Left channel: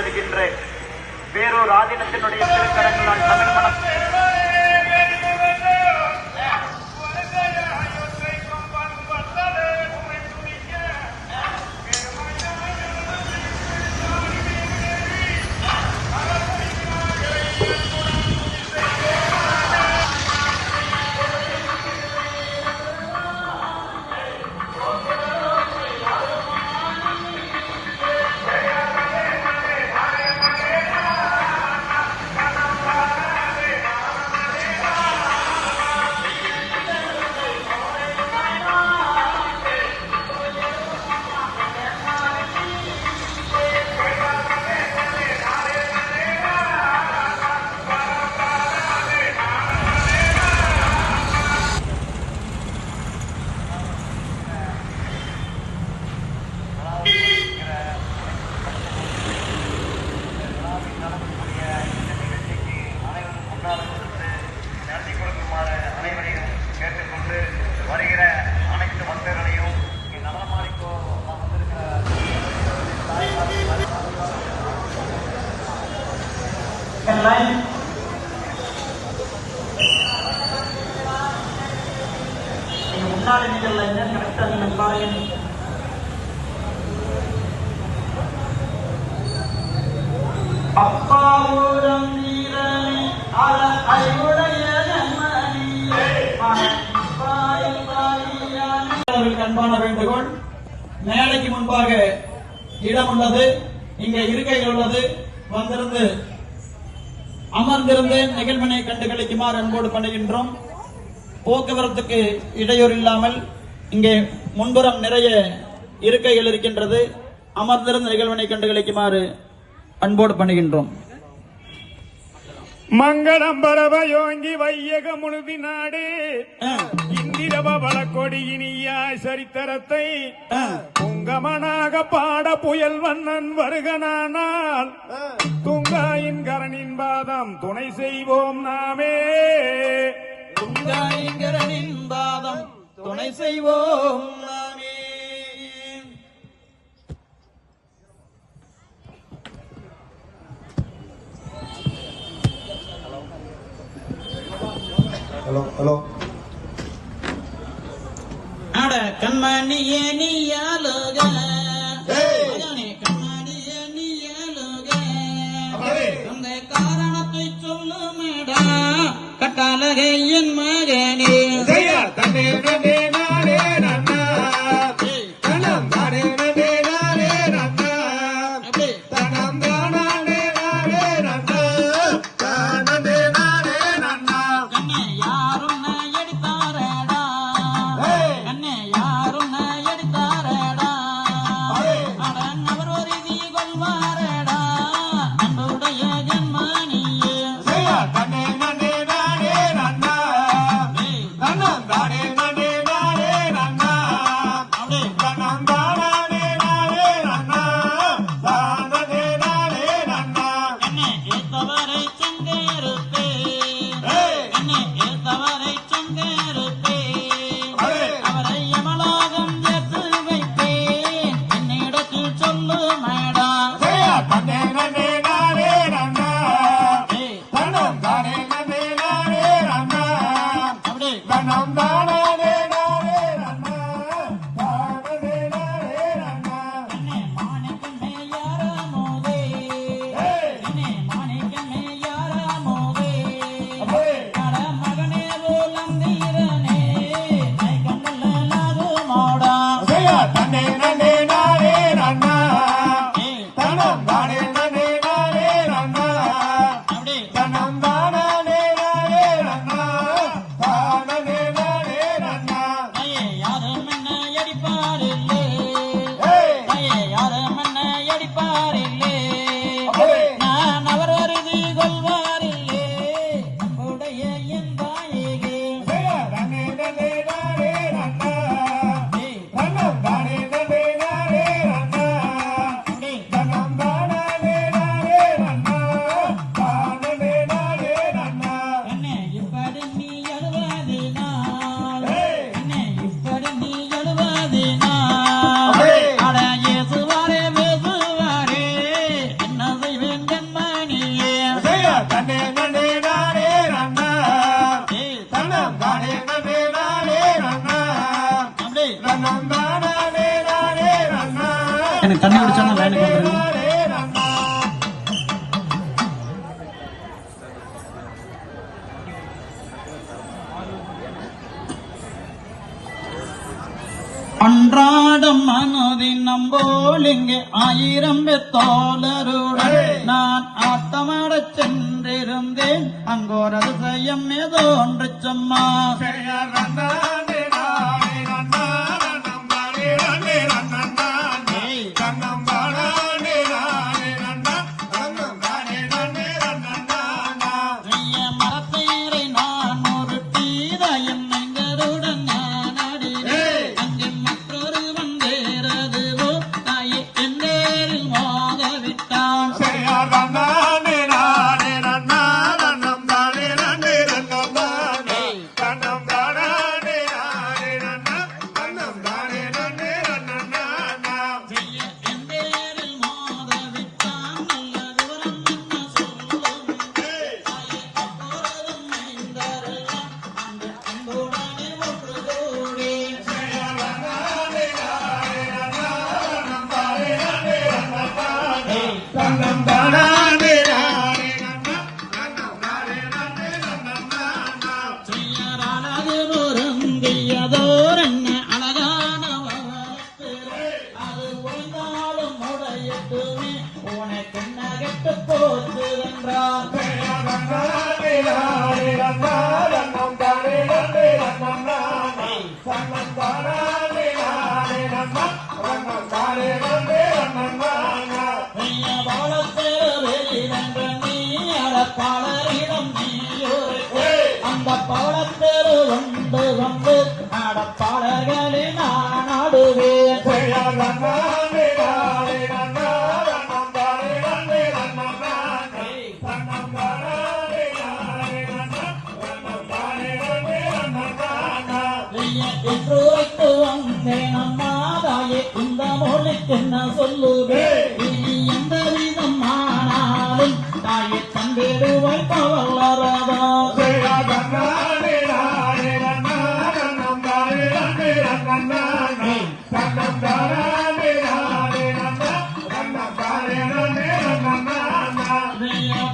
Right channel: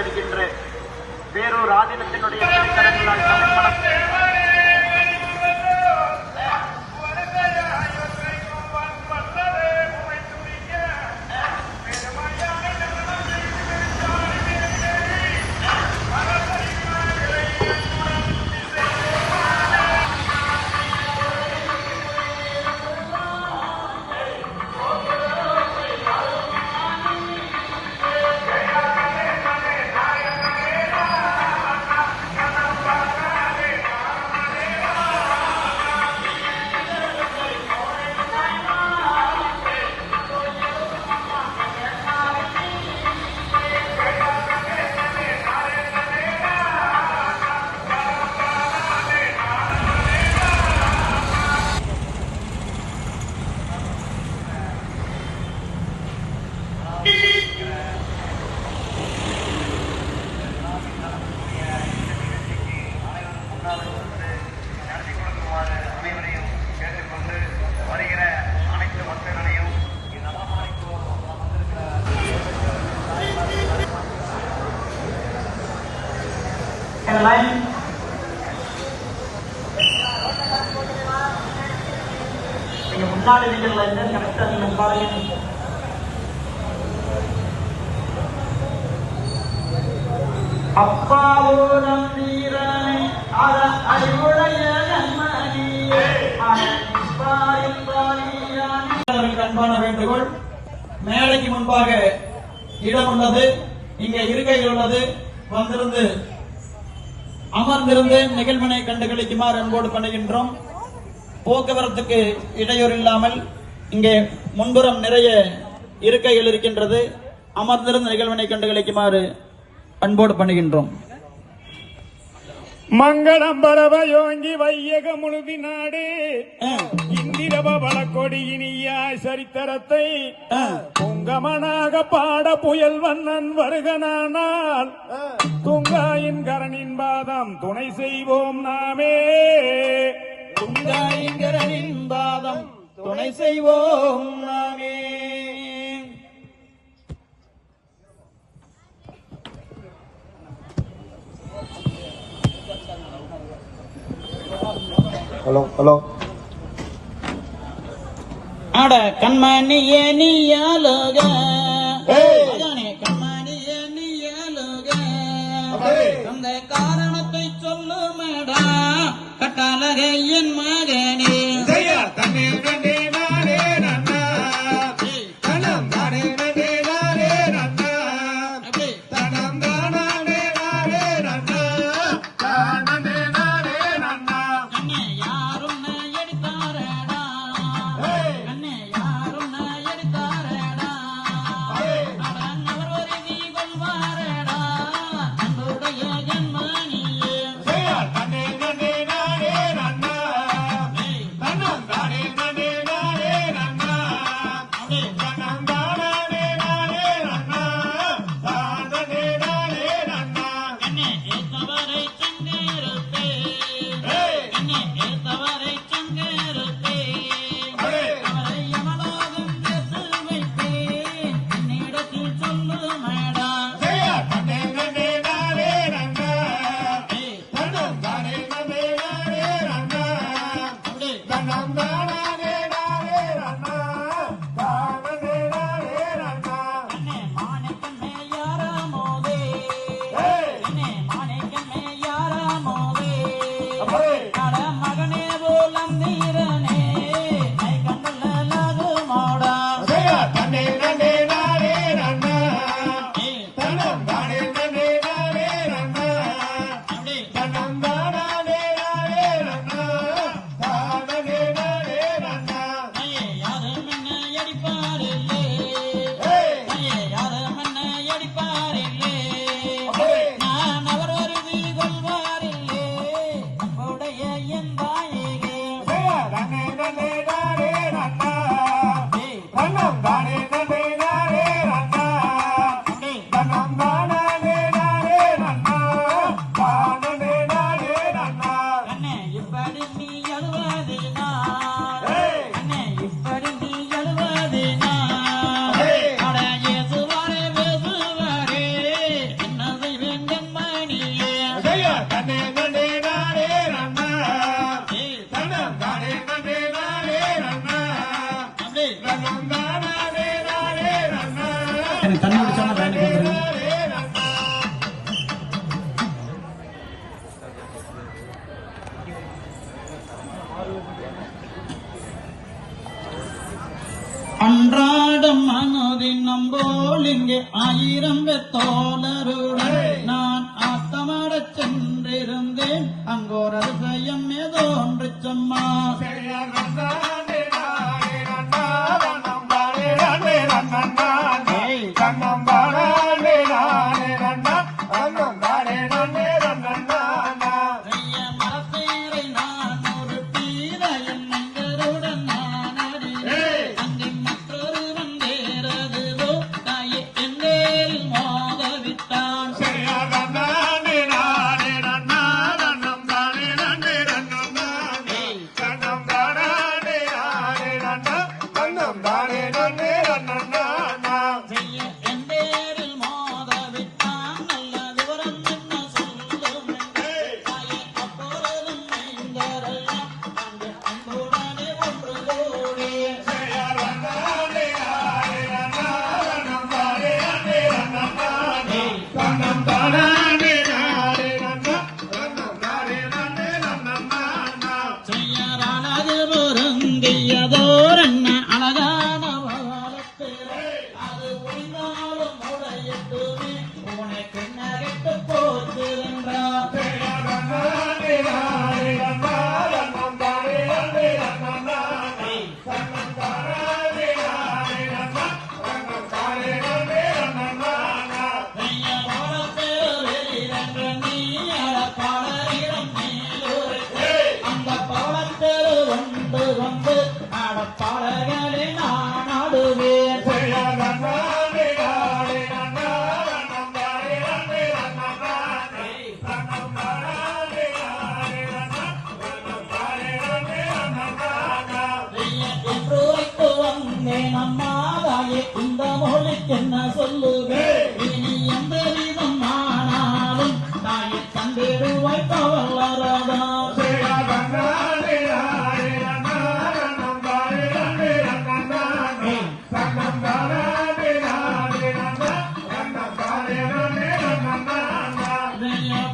கொண்டிருக்கின்றேன். வேறொரு ஆதீனத்தினுடைய முன்னாடி நீங்கள் கரெக்டா நீங்கள் பாருங்க. அப்பாவோடம் வீரனை அறிவுடைய நன்மணியே அன்பான வேண்டுகோள். மேடைக்கு முன்பாக இடம் உள்ளது, இங்கே இருக்கையில் உள்ளது. வந்திருந்து அமர்ந்திருந்து நிகழ்வினை கண்டுகளிக்குமாறு அன்போடு பண்ணுகின்றோம். போக்குவரத்துக்கு இடையூறு இல்லாமல் இங்கே முன்புறம் நிறைய இருக்கைகள் இருக்கின்றது. அமர்ந்திருந்து நிகழ்வினை கண்டுகளிக்குமாறு அன்போடு பண்ணுகின்றோம். மங்களம் பரவயோங்கி வையக முழுதி நாடு இந்திரவ வளக்கொடியினியா சரித்திரத்தை துங்கமனாக பாட புயல் வண்ணன் வருகனானால் துங்காயின் கரனின் பாதம் துணை செய்வோம் நாமே. துங்காயின் கரனின் பாதம் துணை செய்வோம் நாமே. Hello hello. அட கண்மணியே நீயாலுக, கண்மணியே நீயாலுக, அந்த காரணத்தை சொல்லுமடா கட்டாலகை என் மகனே. தன்னே நன்னே நானே நன்னா தனம் தானே நன்னே நானே நன்னா தனம் தானே நானே நன்னா தானே நானே நன்னா. கண்ணே யாரும் எடுத்தாரடா, கண்ணே யாரும் எடுத்தாரடா, அவர் ஒரு தீபம் வாரடா நம்முடைய ஜன்மனியே. தன்னே நன்னே நானே நன்னா தனம் தானே நன்னே நானே நன்னா தனம் தானே நானே நன்னா தானே நானே நன்னா. கண்ணே ஏத்தவரை சங்கருப்பே, கண்ணே ஏத்தவரை சங்கருப்பே, அவரை யமலோகம் சேர்த்து வைப்பேன் என்னிடத்தில் சொல்லுமடா. தன்னே நன்னே நானே நன்னா தனம் தானே நன்னே நானே நன்னா அப்படி தனம் தானே நானே நன்னா தானே நானே நன்னா. மாணிக்கமே யாராமோதே, கண்ணே மாணிக்கமே யாராமோதே, அட மகனே ரோலம் தீரனே கண்ணுலாருமோடா. தன்னே நன்னே நானே நன்னா தனம் தானே நன்னே நானே நன்னா அப்படி தனம் தானே நானே நன்னா தானே நானே நன்னா. ஐயே யாரும் என்ன அடிப்பாரில்லே, ஐயே யாரும் என்ன அடிப்பாரில்லே, நான் அவர் வருதி கொள்வாரில்லே நம்முடைய என் தாயகே. தன்னே நன்னே நானே நன்னா தனம் தானே நன்னே நானே நன்னா அப்படி தனம் தானே நானே நன்னா தானே நானே நன்னா. நன்னே நன்னே நானே நன்னா தன்னம் தானே நன்னே நானே நன்னா அப்படி நன்னம் தானே நானே நன்னா எனக்கு தண்ணி குடிச்சா நான் வேலைக்கு வந்துடுறேன். அன்றாடம் மனதினம் போல் இங்கே 1000 பேர் தோழருடன் நான் ஆத்தமடச் சென்றிருந்தேன். அங்கோர் அதிசயம் ஏதோ ஒன்று சும்மா மரத்தேரை நான் ஒரு தீரையில் எங்களுடன் நாடினேன். மற்றொரு வந்தேறதுவோ தாயை என்னேரில் மாதவிட்டான். என்னேரில் மாதவிட்டான். நல்ல விவரம் என்ன சொல்லுவோம் அப்பொழுதும் நீந்தரெல்லாம் அந்த அன்புடனே ஒன்று கூடி செய்யறானது பொருந்தியதோர் என்ன அழகான வளர்த்திரை. அது ஒய்ந்தாலும் உடையட்டுமே உனக்கு நகைத்து போற்றுகின்றார். செய்ய பவளத்தேரில் என்ற நீ அடப்பாளரிடம் நீ அந்த பவளத்தேர் ஒன்று கொண்டு அடப்பாளர்களை நான் ஆடுவேன். இன்றுரைக்கு வந்தேன் அம்மா தாயே இந்த மொழிக்கு என்ன சொல்லுவேன். இனி எந்த விதம் ஆனாலும் தாயை தந்திடுவாய் பவளரதா.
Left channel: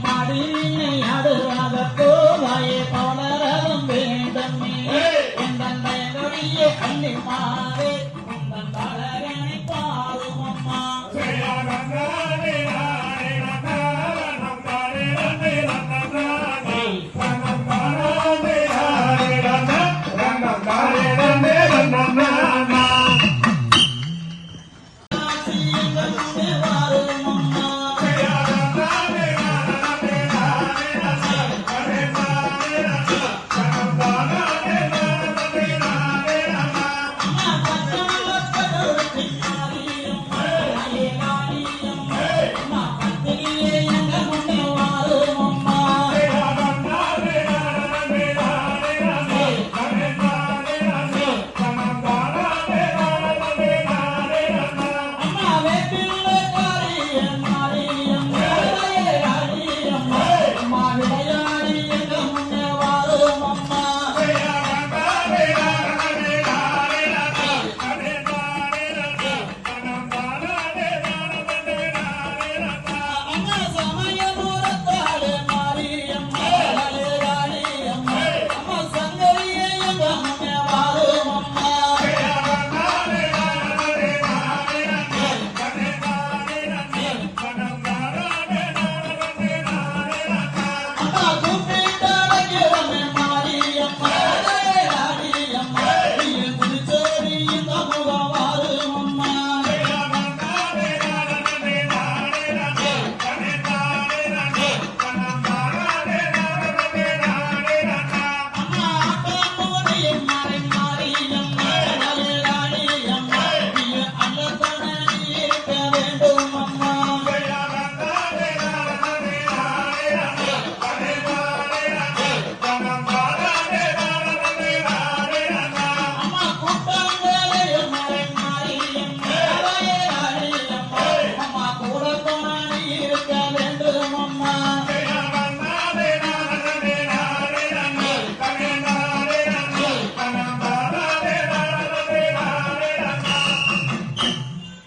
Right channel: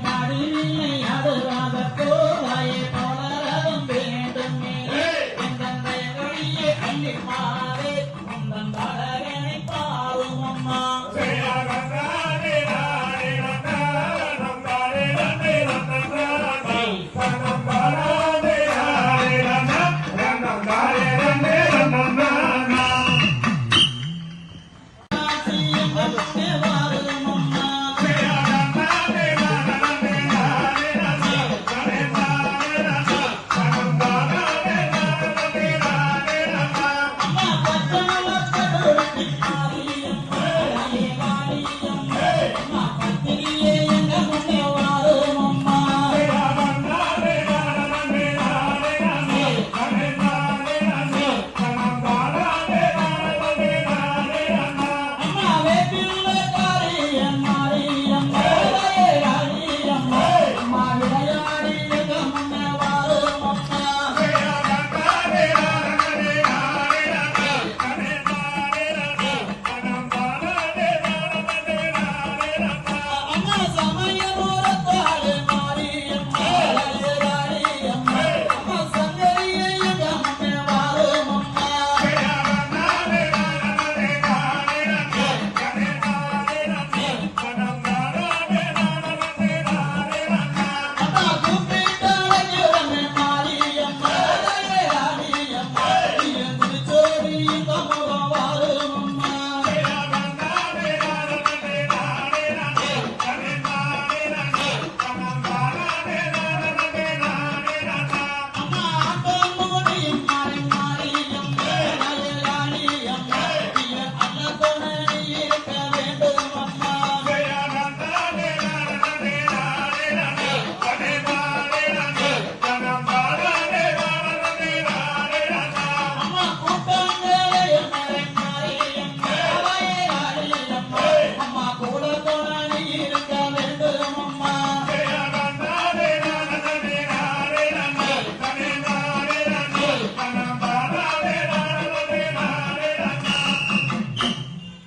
பாடியை அடுவாகத்தே